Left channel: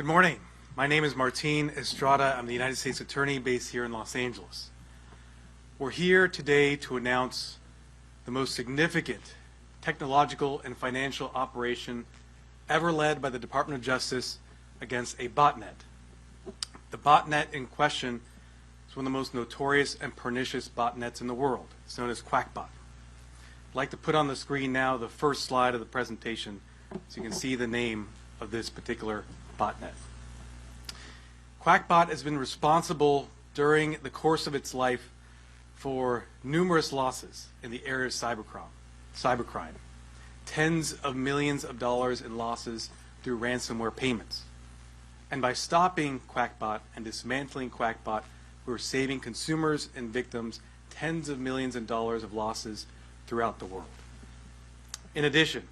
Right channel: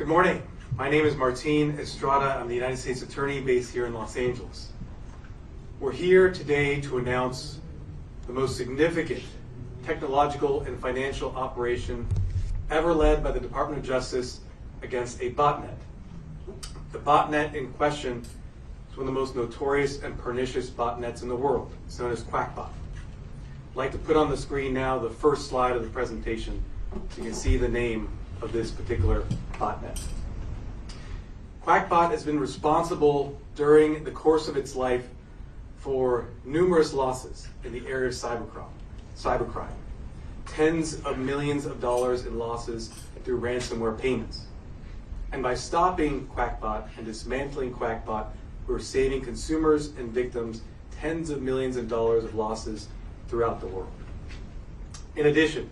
Good morning. My name is Martin Estrada. I'm the United States Attorney based here in Los Angeles. We're here today to announce the most significant technological and financial operation ever led by the Department of Justice against a botnet. The botnet in question is one of the most notorious and pernicious botnets in the world. It's known as Qakbot. I'd like to put on the screen now the first slide of the presentation so you can see the name of this particular botnet. Qakbot has been responsible during the course of its life for numerous losses in the area of cybercrime. Tens of millions of dollars in losses through ransomware payments. And by stopping Qakbot and dismantling Qakbot, we're saving consumers and victims tens of millions of dollars of losses throughout the world. In addition,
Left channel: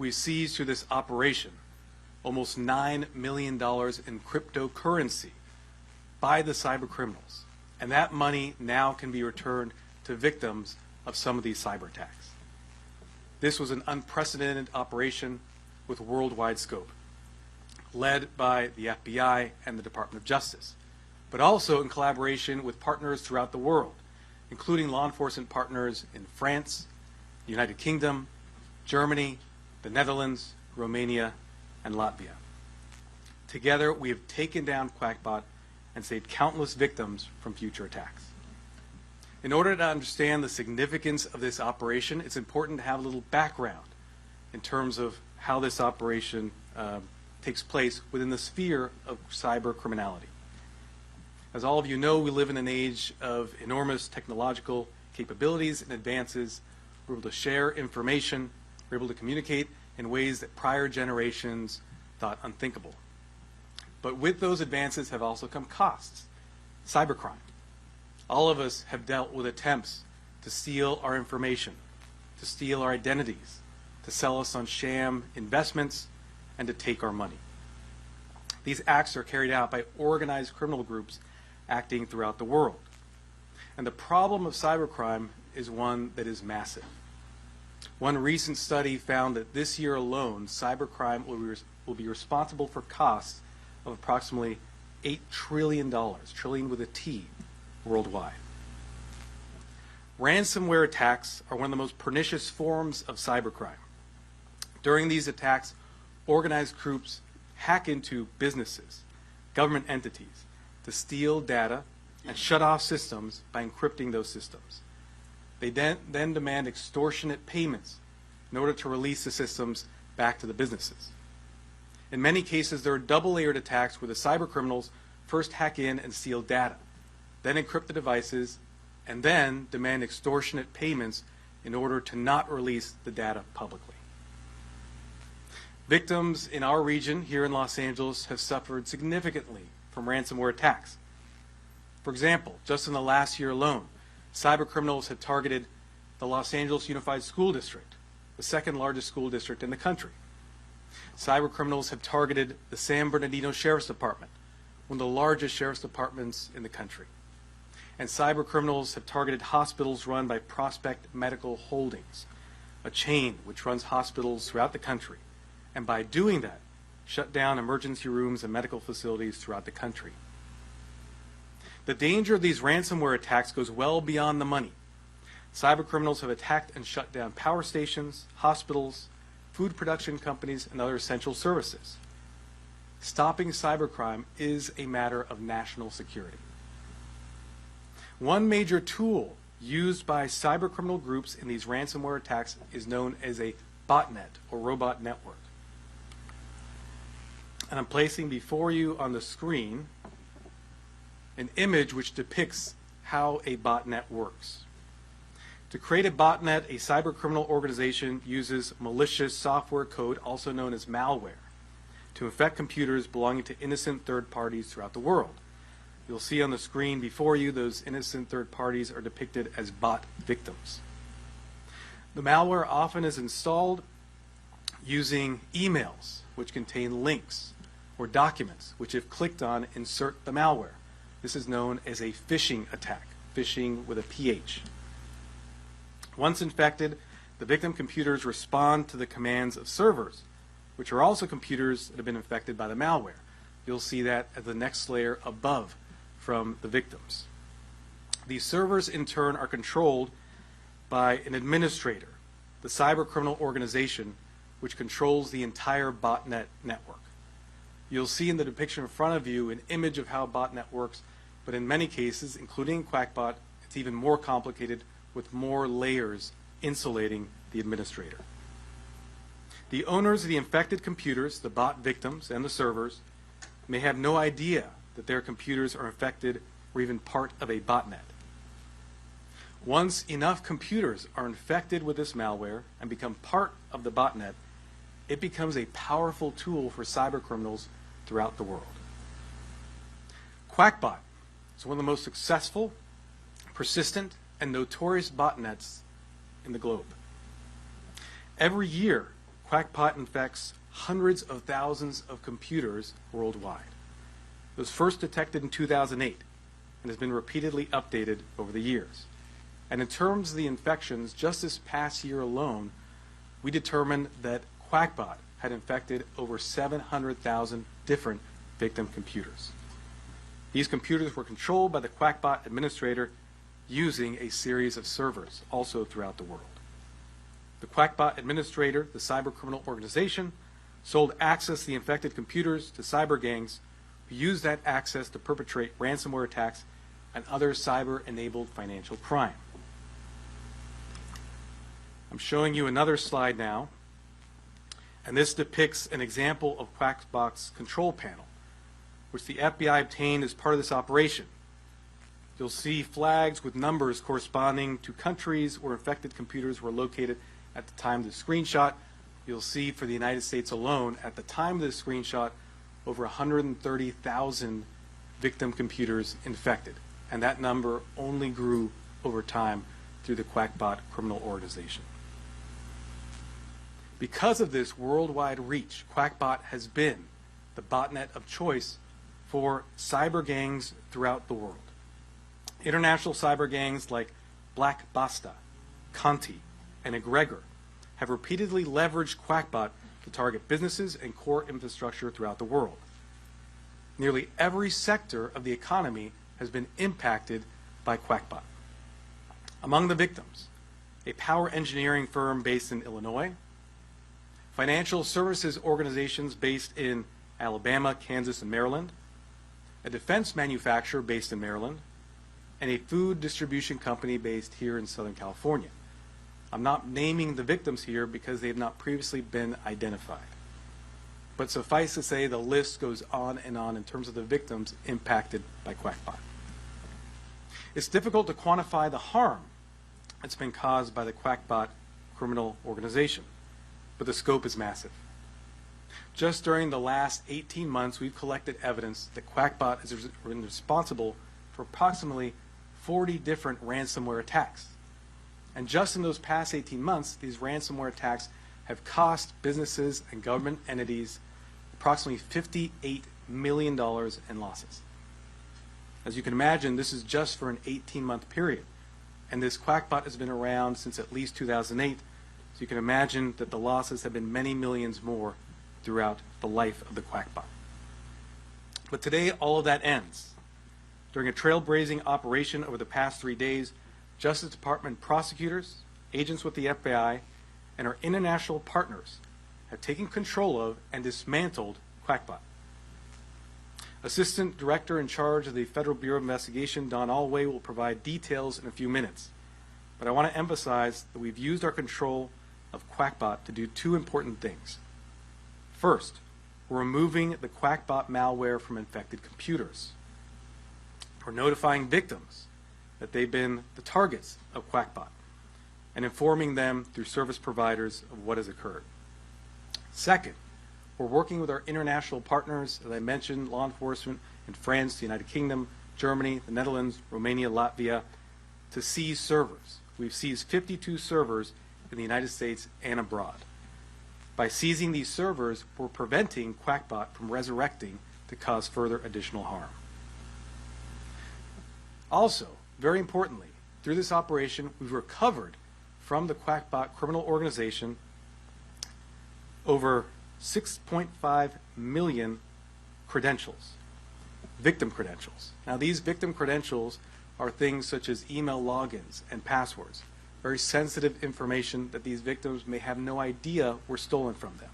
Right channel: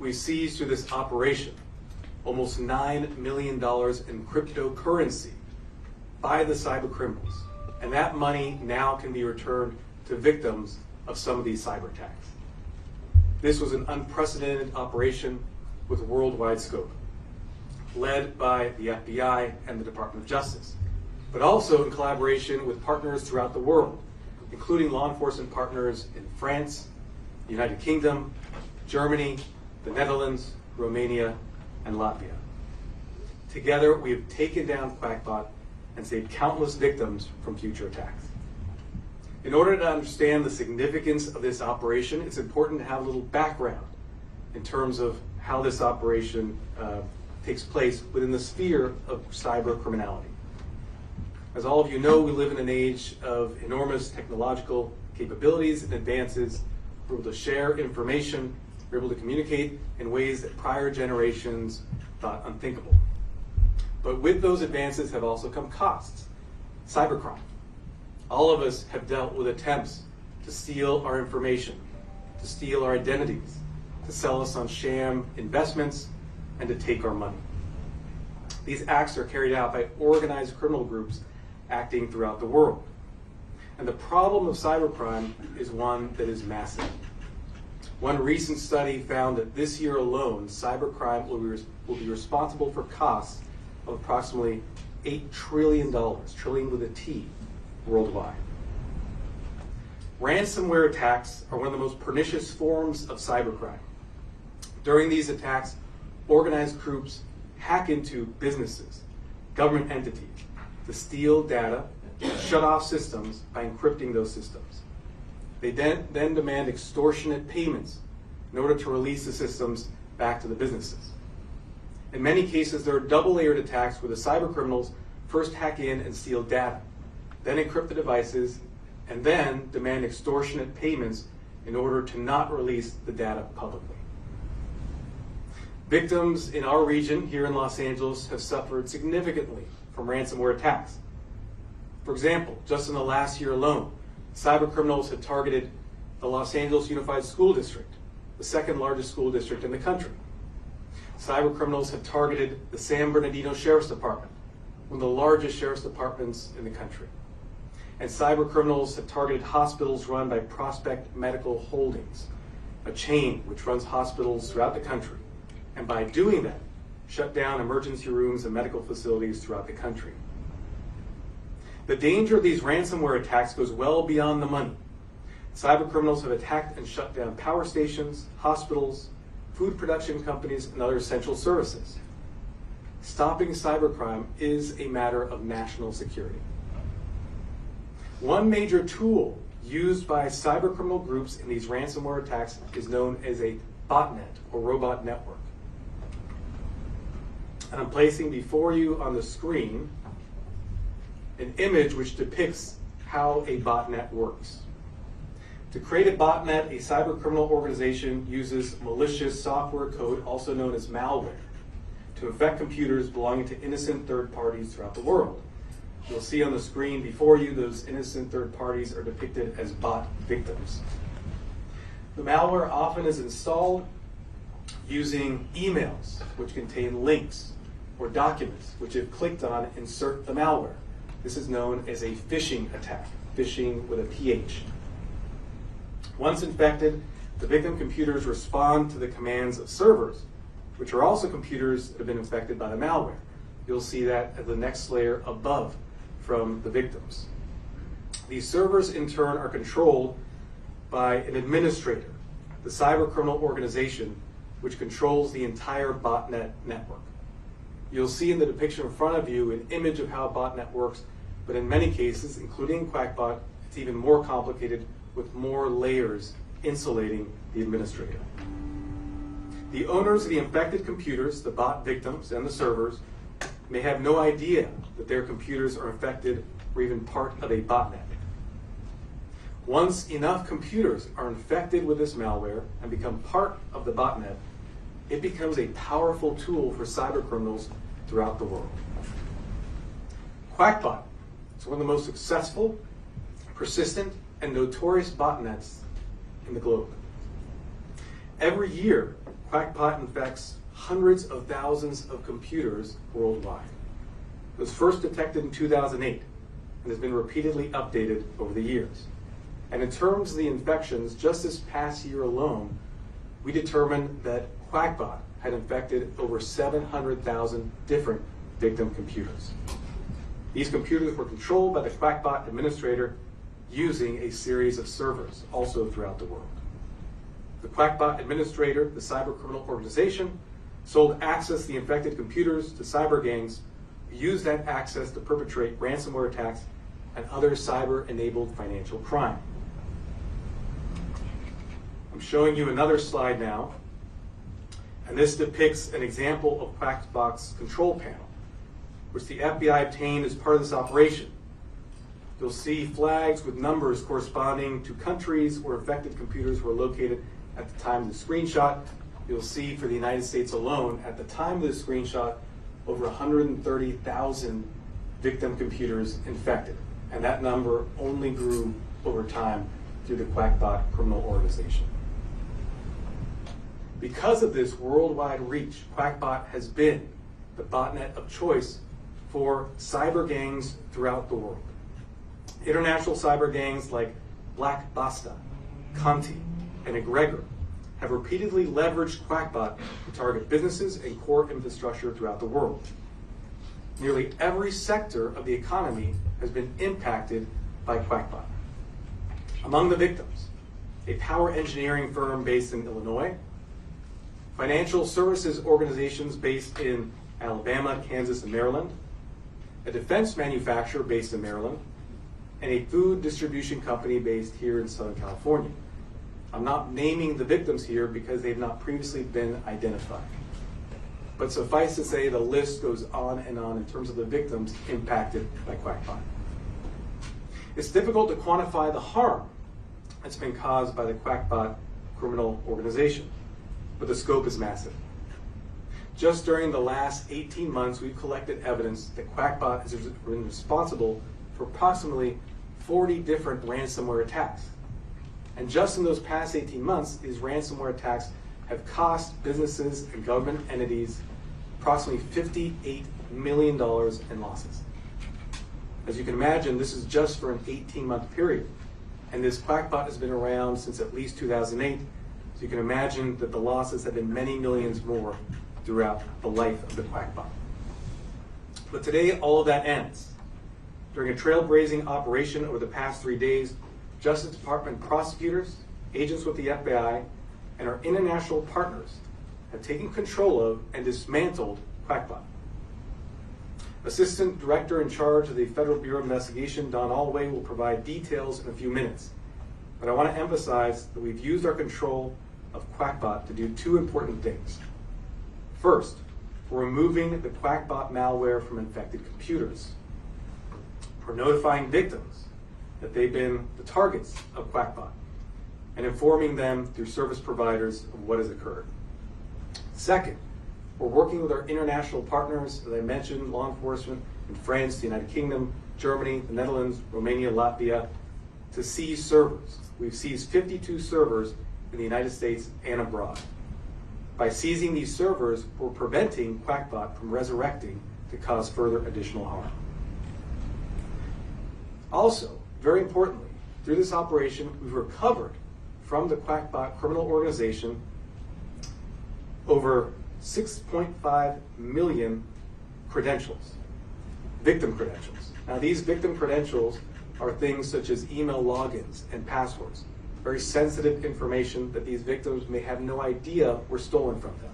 we seized through this operation almost $9 million in cryptocurrency by the cyber criminals. And that money now can be returned to victims of some of these cyber attacks. This was an unprecedented operation with worldwide scope, led by the FBI and the Department of Justice, but also in collaboration with partners throughout the world, including law enforcement partners in France, the United Kingdom, Germany, the Netherlands, Romania, and Latvia. Together, we have taken down Qakbot and saved countless victims from future attacks. In order to understand the significance of this operation, it's important to have a little background in terms of how this operation takes place within the sphere of cyber criminality. As all of you know, we live in an age of enormous technological capabilities and advances. We're able to share information, we're able to communicate in ways that prior generations thought unthinkable. But with those advances have also come costs. Cybercrime. All of us have dealt with attempts to steal our information, to steal our identities, to sell us on sham investments, and to take our money. These acts are carried out by organized criminal groups acting throughout the world. And the problem of cybercrime is one that is massive. One recent study found that this year alone, cybercrime will be responsible for costs of approximately $8 trillion, trillion with a T, worldwide. Ransomware attacks are one of the most pernicious forms of cybercrime. During these attacks, organized groups hack into businesses, government entities, to steal data and shut off systems by encrypting those systems. They then demand extortionate payments in order to release the systems back to the businesses. In many cases, there are double-layered attacks where the cyber criminals first hack in and steal data, then encrypt the devices, and then demand extortionate payments in order to not release the data publicly. Victims in our region here in Los Angeles have suffered significantly from ransomware attacks. For example, just in the last year alone, cyber criminals have targeted the Los Angeles Unified School District, the second largest school district in the country. Cyber criminals have targeted the San Bernardino Sheriff's Department, one of the largest sheriff's departments in the country. And cyber criminals have targeted hospitals run by Prospect Medical Holdings, a chain which runs hospitals throughout the country. And by doing that, shut down emergency rooms and medical facilities throughout the country. The danger of these ransomware attacks goes well beyond the money. Cyber criminals have attacked and shut down power stations, hospitals, food production companies, and other essential services. Stopping cybercrime is a matter of national security. One major tool used by cyber criminal groups in these ransomware attacks is known as a botnet, or robot network. And I'm placing before you on the screen an image which depicts how a botnet works. To create a botnet, a cyber criminal organization uses malicious software code, also known as malware, to infect computers belonging to innocent third parties throughout the world. You'll see on the screen before you those innocent third parties are depicted as bot victims. The malware often is installed using emails, which contain links, or documents, which if clicked on, insert the malware. This is known as a phishing attack, phishing with a PH. Once infected, the victim computers respond to the commands of servers, which are also computers that have been infected by the malware. you'll see that at the next layer above from the victims. These servers, in turn, are controlled by an administrator, the cybercriminal organization, which controls the entire botnet network. You'll see in the depiction in front of you an image of how a botnet works, but in many cases, including Qakbot, it's even more complicated with more layers insulating the administrator. The owners of the infected computers, the bot victims and the servers, may have no idea that their computers are infected or even part of a botnet. Once enough computers are infected with this malware and become part of the botnet, it becomes a powerful tool for cybercriminals throughout the world. Qakbot is one of the most successful, persistent, and notorious botnets in the globe. Every year, Qakbot infects hundreds of thousands of computers worldwide. It was first detected in 2008 and has been repeatedly updated over the years. And in terms of the infections, just this past year alone, we determined that Qakbot had infected over 700,000 different victim computers. These computers were controlled by the Qakbot administrator using a series of servers, also throughout the world. The Qakbot administrator, the cybercriminal organization, sold access to the infected computers to cyber gangs who used that access to perpetrate ransomware attacks and other cyber-enabled financial crime. I'm showing you another slide now, and this depicts an example of Qakbot's control panel, which the FBI obtained as part of this operation. You'll see flags with numbers corresponding to countries where infected computers were located at the time of the screenshot. You'll see for the United States alone, at the time of this screenshot, over 130,000 victim computers infected. And that number only grew over time through the Qakbot criminal organization. Because of this worldwide reach, Qakbot has been the botnet of choice for cyber gangs throughout the world. International cyber gangs like Black Basta, Conti, and Egregor have repeatedly leveraged Qakbot to target businesses and core infrastructure throughout the world. Nearly every sector of the economy has been impacted by Qakbot. Among the victims, a power engineering firm based in Illinois, financial services organizations based in Alabama, Kansas, and Maryland, a defense manufacturer based in Maryland, and a food distribution company based here in Southern California. I'm not naming the victims here because they've not previously been identified. But suffice to say, the list goes on in terms of the victims impacted by Qakbot. It's difficult to quantify the harm that's been caused by the Qakbot criminal organization, but the scope is massive. Just during the last 18 months, we've collected evidence that Qakbot has been responsible for approximately 40 different ransomware attacks. And just in those past 18 months, these ransomware attacks have cost businesses and government entities approximately $58 million in losses. As you can imagine, this is just for an 18-month period. And this Qakbot has been around since at least 2008, so you can imagine that the losses have been many millions more throughout the life of the Qakbot. But today, all of that ends. During a trailblazing operation over the past 3 days, Justice Department prosecutors, agents with the FBI, and our international partners have taken control of and dismantled Qakbot. Assistant Director in charge of the Federal Bureau of Investigation, Don Alway, will provide details in a few minutes. But I want to emphasize that we've used our control of Qakbot to do two important things. First, we're removing the Qakbot malware from infected computers. We're notifying victims that they've been the targets of Qakbot and informing them through service providers of what has occurred. Second, we're working with our international partners, as I mentioned, law enforcement in France, the United Kingdom, Germany, the Netherlands, Romania, Latvia, to seize servers. We've seized 52 servers in the United States and abroad. By seizing these servers, we're preventing Qakbot from resurrecting to cause further additional harm. Also, very importantly, through this operation, we've recovered from the Qakbot criminal organization over 6.5 million credentials, victim credentials. Now these victim credentials are things such as email logins and passwords, very sensitive information that these victims may have no idea were stolen from them.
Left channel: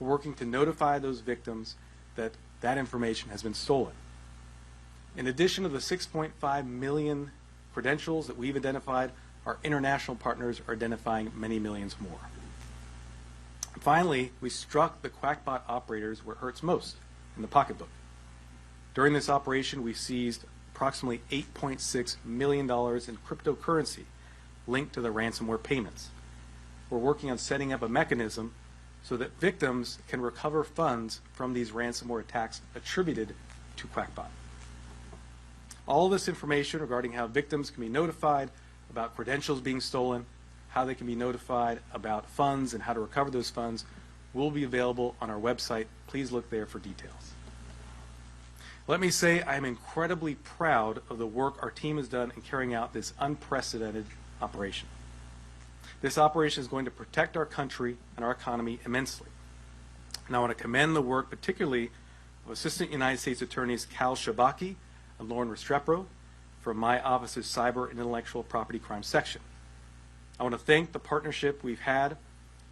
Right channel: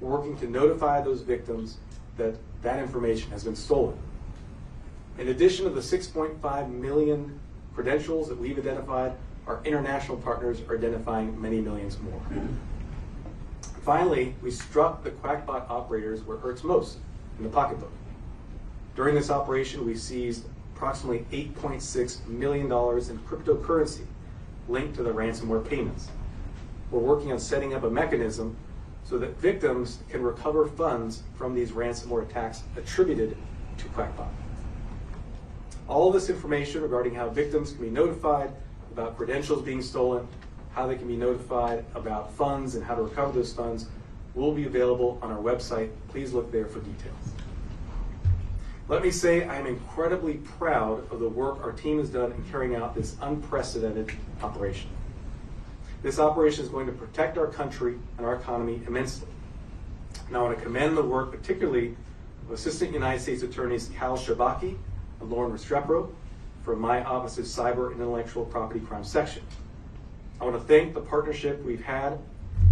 We're working to notify those victims that that information has been stolen. In addition to the 6.5 million credentials that we've identified, our international partners are identifying many millions more. Finally, we struck the Qakbot operators where it hurts most, in the pocketbook. During this operation, we seized approximately $8.6 million in cryptocurrency linked to the ransomware payments. We're working on setting up a mechanism so that victims can recover funds from these ransomware attacks attributed to Qakbot. All this information regarding how victims can be notified about credentials being stolen, how they can be notified about funds and how to recover those funds will be available on our website. Please look there for details. Let me say I am incredibly proud of the work our team has done in carrying out this unprecedented operation. This operation is going to protect our country and our economy immensely. And I want to commend the work particularly of Assistant United States Attorneys Cal Shabaki and Lauren Restrepo from my office's Cyber and Intellectual Property Crime Section. I want to thank the partnership we've had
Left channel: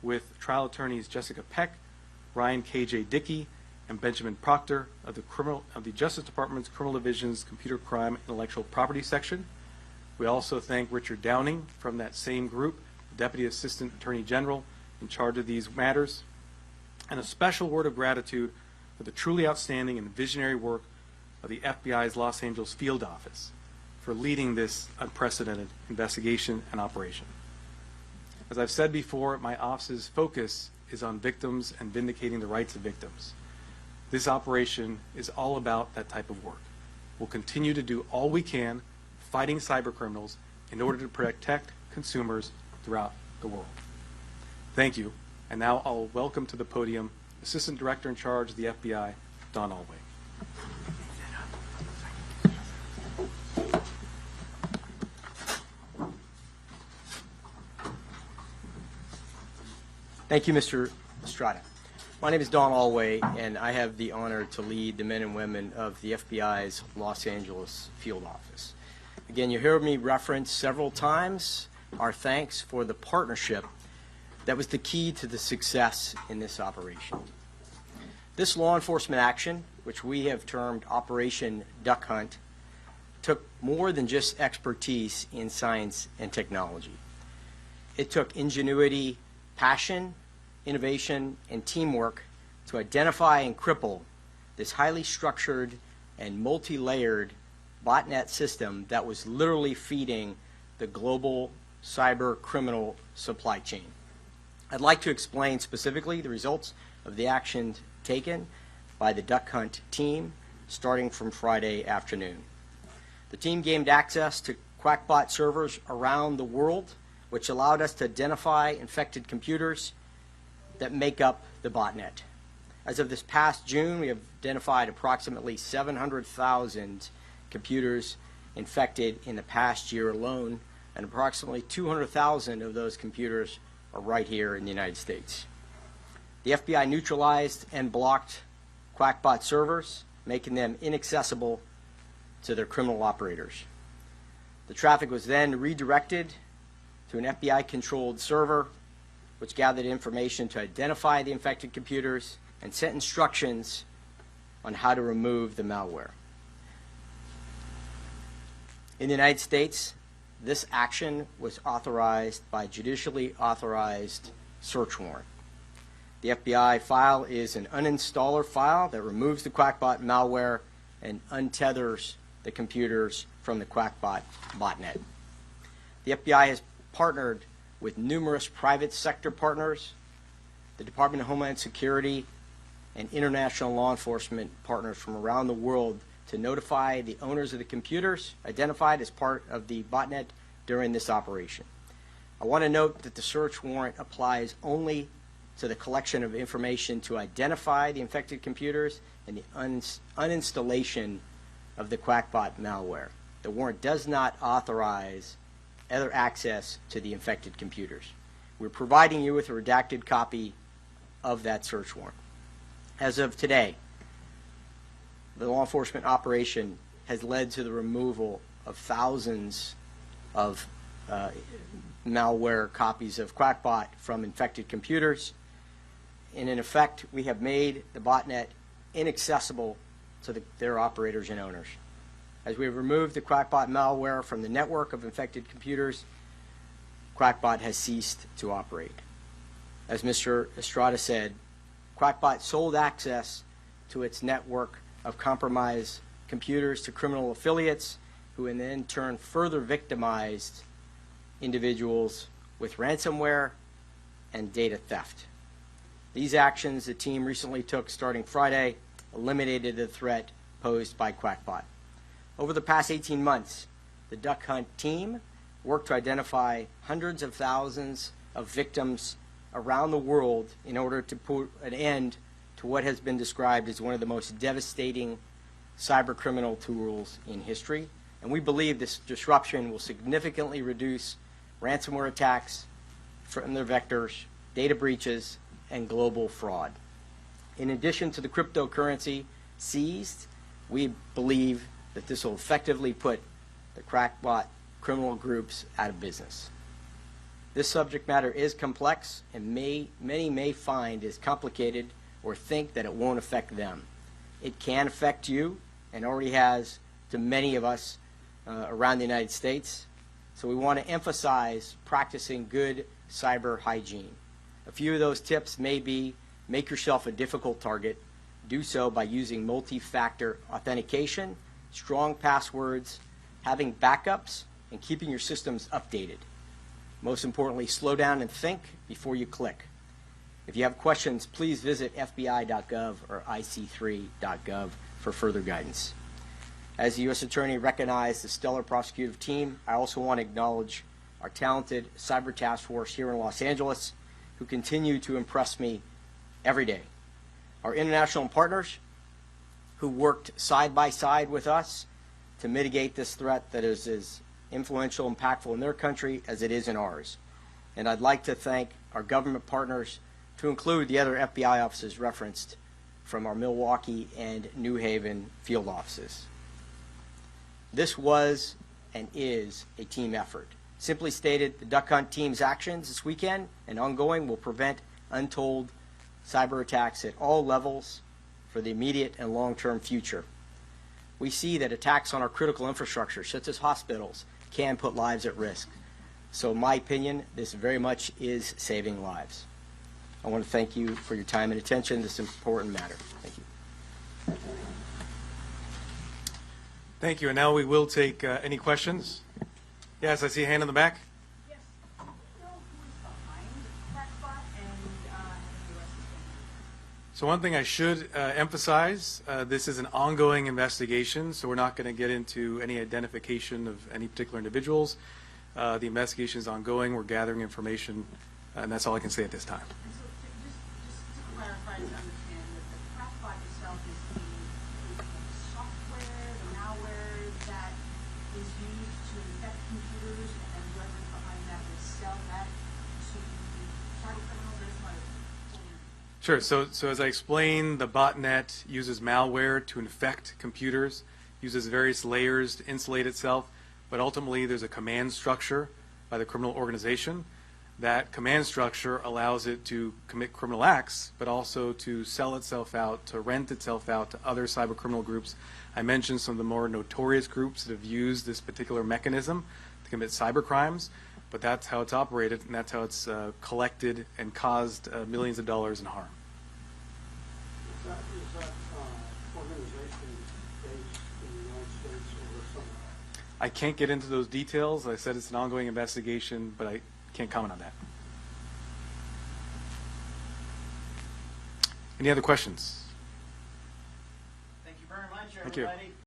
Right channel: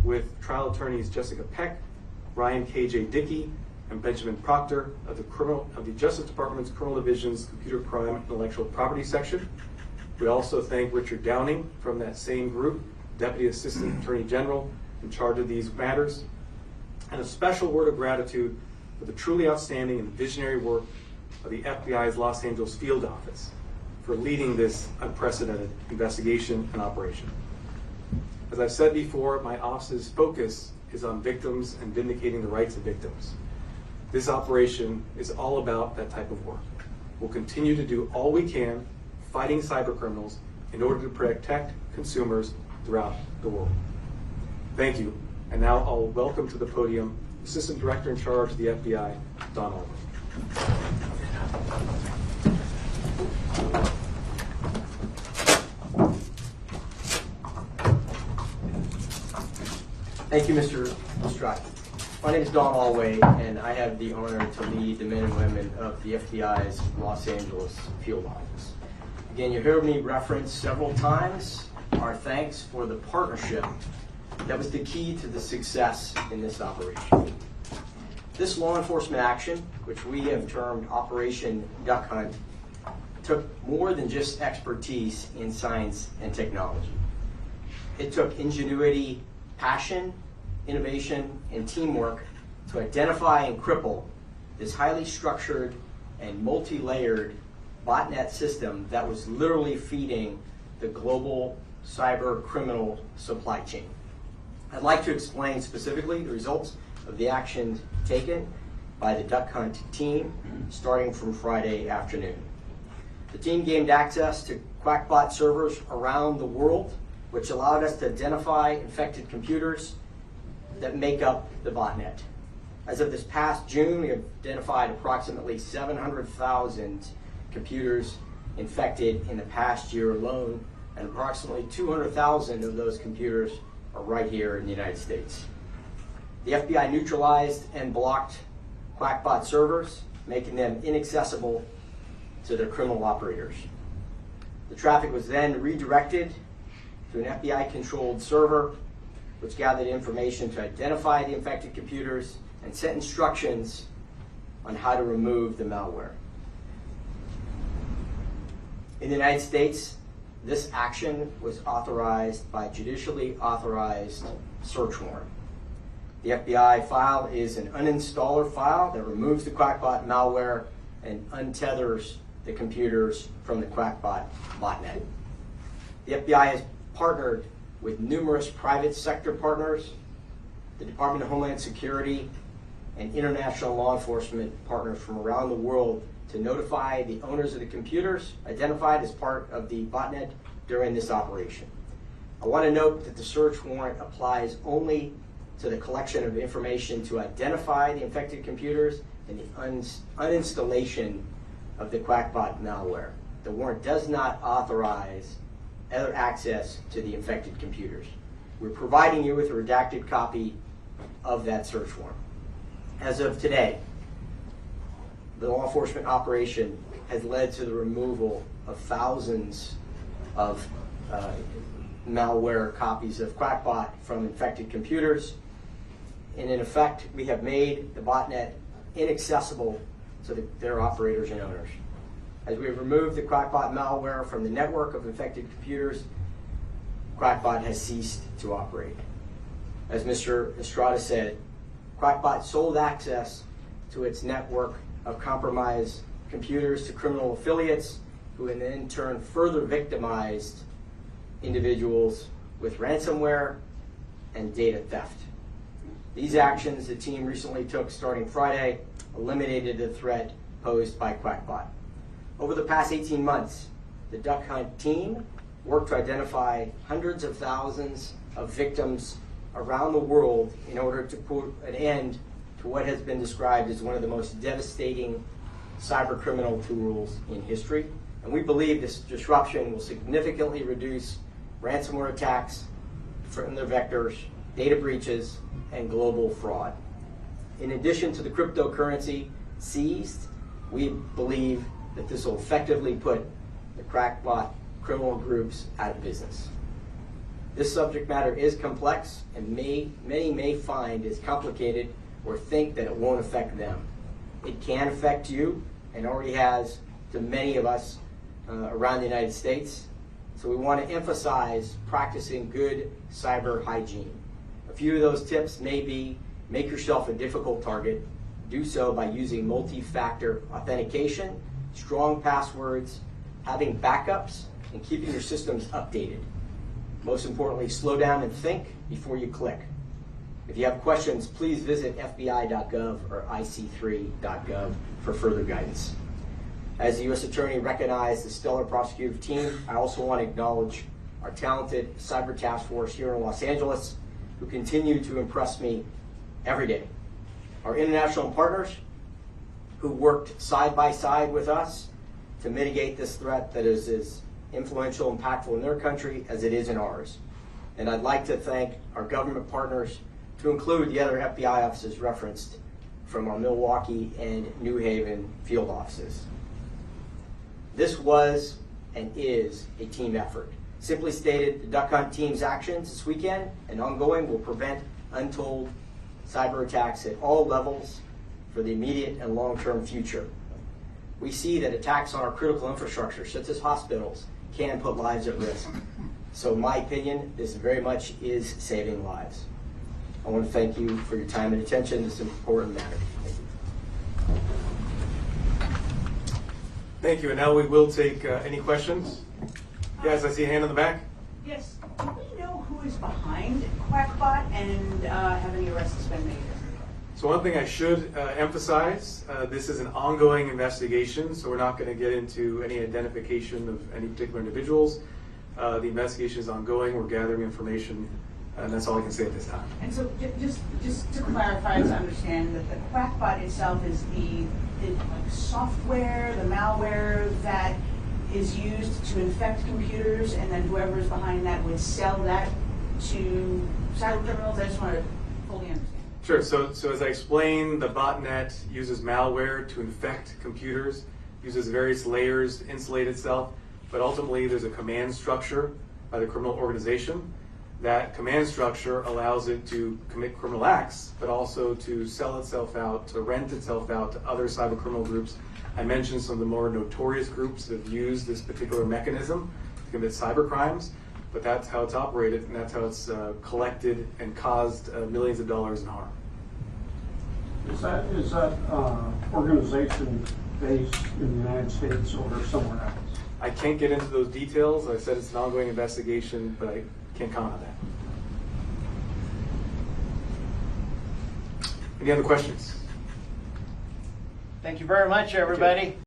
with trial attorneys Jessica Peck, Ryan K.J. Dickey, and Benjamin Proctor of the Justice Department's Criminal Division's Computer Crime and Intellectual Property Section. We also thank Richard Downing from that same group, Deputy Assistant Attorney General in charge of these matters. And a special word of gratitude for the truly outstanding and visionary work of the FBI's Los Angeles Field Office for leading this unprecedented investigation and operation. As I've said before, my office's focus is on victims and vindicating the rights of victims. This operation is all about that type of work. We'll continue to do all we can fighting cyber criminals in order to protect consumers throughout the world. Thank you. And now I'll welcome to the podium Assistant Director in charge of the FBI, Don Alway. Thank you, Mr. Estrada. My name is Don Alway, and I have the honor to lead the men and women of the FBI's Los Angeles Field Office. Again, you heard me reference several times our thanks for the partnership that was the key to the success in this operation. This law enforcement action, which we have termed Operation Duck Hunt, took more than just expertise in science and technology. It took ingenuity, passion, innovation, and teamwork to identify and cripple this highly structured and multi-layered botnet system that was literally feeding the global cyber criminal supply chain. I'd like to explain specifically the results of the actions taken by the Duck Hunt team starting from Friday afternoon. The team gained access to Qakbot servers around the world, which allowed us to identify infected computers that make up the botnet. As of this past June, we have identified approximately 700,000 computers infected in the past year alone, and approximately 200,000 of those computers are right here in the United States. The FBI neutralized and blocked Qakbot servers, making them inaccessible to their criminal operators. The traffic was then redirected to an FBI-controlled server, which gathered information to identify the infected computers and sent instructions on how to remove the malware. In the United States, this action was authorized by judicially authorized search warrant. The FBI file is an uninstaller file that removes the Qakbot malware and untethers the computers from the Qakbot botnet. The FBI has partnered with numerous private sector partners, the Department of Homeland Security, and international law enforcement partners from around the world to notify the owners of the computers identified as part of the botnet during this operation. I want to note that the search warrant applies only to the collection of information to identify the infected computers and the uninstallation of the Qakbot malware. The warrant does not authorize other access to the infected computers. We're providing you with a redacted copy of that search warrant. As of today, the law enforcement operation has led to the removal of thousands of malware copies of Qakbot from infected computers. And in effect, we have made the botnet inaccessible to their operators and owners. As we have removed the Qakbot malware from the network of infected computers, Qakbot has ceased to operate. As Mr. Estrada said, Qakbot sold access to its network of compromised computers to criminal affiliates who in turn further victimized individuals with ransomware and data theft. These actions the team recently took starting Friday eliminated the threat posed by Qakbot. Over the past 18 months, the Duck Hunt team worked to identify hundreds of thousands of victims around the world in order to put an end to what has been described as one of the most devastating cyber criminal tools in history. And we believe this disruption will significantly reduce ransomware attacks from their vectors, data breaches, and global fraud. In addition to the cryptocurrency seized, we believe that this will effectively put the Qakbot criminal groups out of business. This subject matter is complex, and many may find is complicated or think that it won't affect them. It can affect you, and already has to many of us around the United States. So we want to emphasize practicing good cyber hygiene. A few of those tips may be: make yourself a difficult target. Do so by using multi-factor authentication, strong passwords, having backups, and keeping your systems updated. Most importantly, slow down and think before you click. If you have questions, please visit FBI.gov or IC3.gov for further guidance. As the U.S. Attorney recognized the stellar prosecutive team, I also want to acknowledge our talented cyber task force here in Los Angeles, who continue to impress me every day. Our international partners, who worked side by side with us to mitigate this threat that is as influential and impactful in their country as it is in ours. And I'd like to thank our government partners, to include the other FBI offices referenced from our Milwaukee and New Haven field offices. This was and is a team effort. Simply stated, the Duck Hunt team's actions this weekend and ongoing will prevent untold cyber attacks at all levels for the immediate and long-term future. We see that attacks on our critical infrastructure, such as hospitals, can put lives at risk. So in my opinion, this very much is saving lives. I want to thank you for your time and attention in this important matter. Thank you. Thank you. And now we will take any questions. Yes, I see a hand in the back. Yes. Do we know who is behind Qakbot, and have any arrests been made? So one thing I should emphasize, this is an ongoing investigation, so we're not going to get into any identification of any particular individuals. The investigation is ongoing. We're gathering information, and that's all I can say at this time. And so just to clarify, to understand that the Qakbot itself is the software, the malware that is used to infect computers, and then whoever is behind that would sell that to cyber criminals? I just want to fully understand. Sure. So as I explained, the botnet uses malware to infect computers, uses various layers to insulate itself, but ultimately there's a command structure by the criminal organization. That command structure allows it to commit criminal acts, but also to sell itself out, to rent itself out to other cyber criminal groups. I mentioned some of the more notorious groups that have used this particular mechanism to commit cyber crimes, but that's how it's operated, and that's how it's collected and caused millions of dollars in harm. Is that organization based in the United States or somewhere else? I can't get into those details. I said it's an ongoing investigation, but I can't comment on that. Any other questions? Thank you very much, everybody.